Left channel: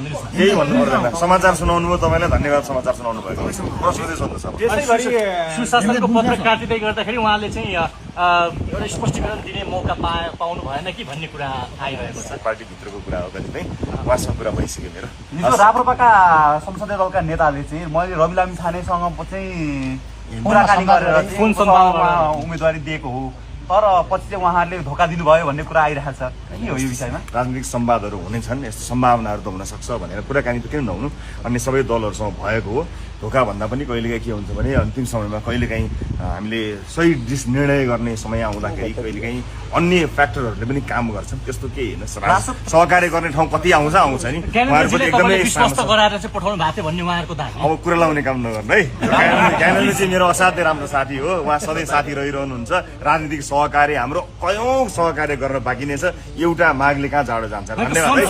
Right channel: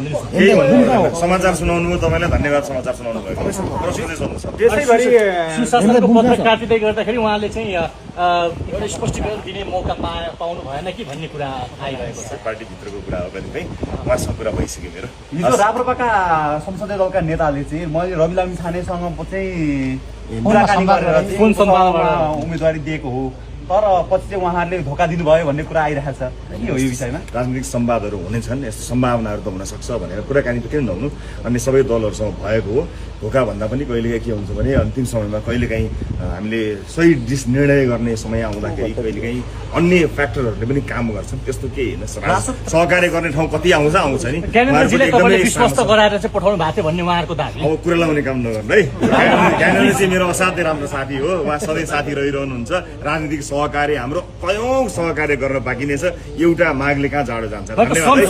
भनिदिनुहोस्। केही भन्नु पर्दैन। समाचार सुनाउनु भयो, तपाईँलाई धन्यवाद समाचार सुनाउनु भएको। प्रश्न चाहिँ सोध्नु सक्छ। सुशासनको पत्र काटिँदै गर्दाखेरि उहाँले चाहिँ एउटा स्पष्टीकरण दिने मौका पाउनु भएन कि भन्ने कुरा आइरहेको छ। पार्टीभित्रको कुरा हो कतिपय, उहाँसँग कुरा भइसक्यो मेरो। हिजो राप्रपाका संसदीय दलका नेताले चाहिँ मैले रवि लामिछानेसँग चाहिँ कुराकानी गरेर चाहिँ कुन सम्भावना उम्मेदवारी दिएको हो, तर पछि चाहिँ उहाँहरूले धोका दिनुभयो भन्ने कुरा आइरहेको छ। के हो यो विषयमा? राजनीतिक संवादहरू हुनेछन्, यस्तो सम्भावनाहरू त हुन सक्छ भनेर कुराकानी त किन नहुनु। अन्य सबै दलहरूसँग भएको हो। धोका भन्दा पनि कहिलेकाहीँ के हुन्छ भने अन्तिम समयमा कहिलेकाहीँ हामीले सही निर्णय गर्ने समय आउँदाखेरि कहिलेकाहीँ अन्य फ्याक्टरहरूले पनि काम गर्छन्। त्यस्तो केही होइन। सहकार्य गर्ने ठाउँ कति आउँछ नि, ज्ञानेन्द्रजीले तपाईँले विश्वास गराएर चाहिँ पठाउनु भएको थियो भन्ने उहाँहरूको दाबी। अब कुरा लाउने काम नगर्नु है। ज्ञानेन्द्र चाहिँ मेरो असाध्यै राम्रो साथी हो, उहाँ सधैँ साथी रहिरहनुहुन्छ। राजनीतिक सहकार्य हाम्रो कयौं सहकार्य गर्न बाँकी नै छ। एउटा मागले कहाँ जाडो जान्छ। धन्यवाद।